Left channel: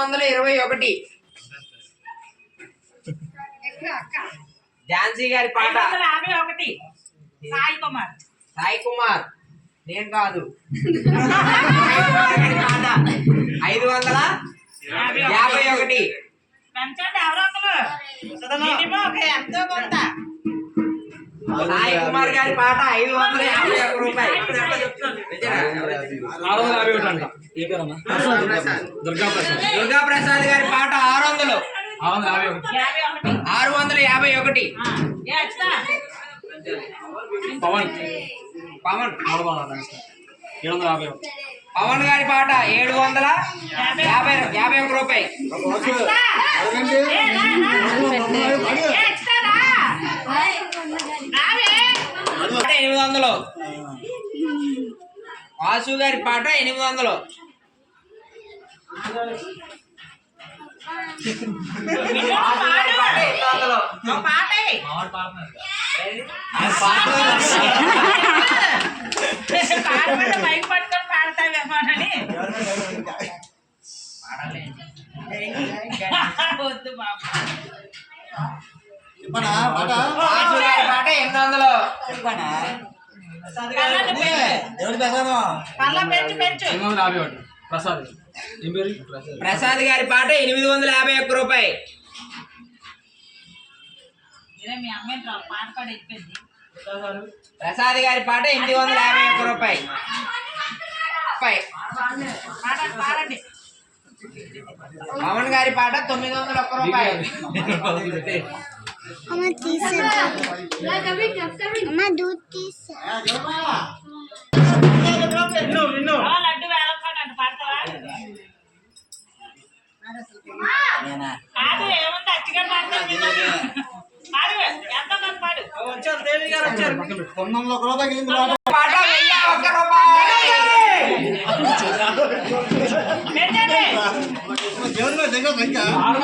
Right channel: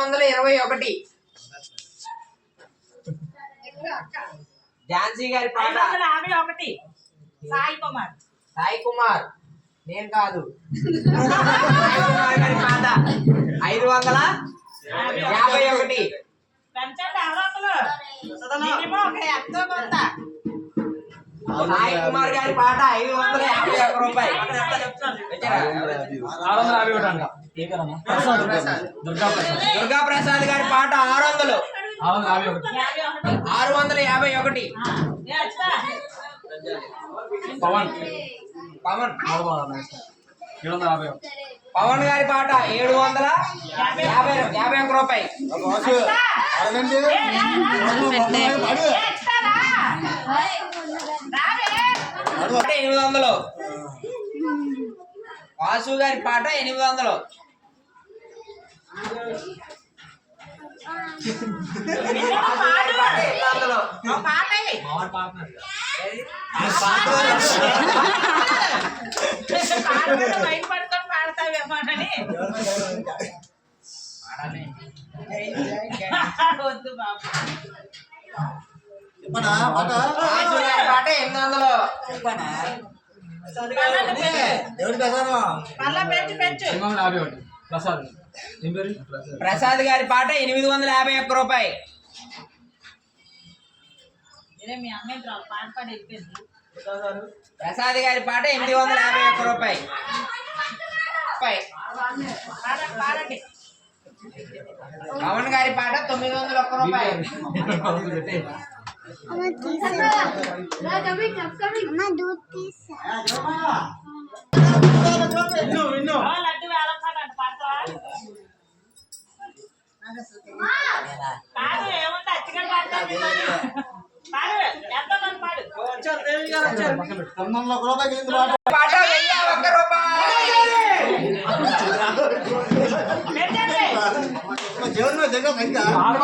వందల ఇరవై ఒకటి. ఝాన్సీ గారి పాట. యాభై ఒకటి. సాయి కుమార్ సాయి కుమార్ నేను కాదు ఐదు వందల యాభై ఒకటి. పెంచండి ఎవరో ఒకరు. మినిమం ఒక ఎంతో కొంత. సాయి కుమార్ గారి పాట ఐదు వందల యాభై ఒక్క రూపాయలు. ఆరు వందల యాభై ఒకటి అంట. ఏ పేరన్నా దుర్గా ప్రసాద్ దుర్గా ప్రసాద్ గారి పాట ఆరు వందలు. ఆరు వందల యాభై ఒకటి? పవన్. పవన్. ఏడు వందల యాభై ఒకటి. పవన్ గారి పాట ఏడు వందల యాభై యాభై ఒక్క రూపాయి. ఎనిమిది వందలు వాసు గారి పాట ఎనిమిది వందలు. వద్దు బాబు ఎనిమిది వందలు. ప్రసాద్? గారి పాట ఎనిమిది వందల యాభై ఒక్క రూపాయి. ప్రసాద్. గారి పాట ఎనిమిది వందల యాభై ఒక్క రూపాయి. పవన్ గారి పాట తొమ్మిది వందల ఒక్క రూపాయి. అమ్మ తీసా అమ్మ దూద్ తీసా ఓ లడ్డు వేలం పాట అంట పాడతావా కాదు ఏముంది అచ్చిగారు పాడతారు ఎంతో కొంత పాడు పాట వెయ్యి ఒక్క రూపాయి పెట్టండి ఆరు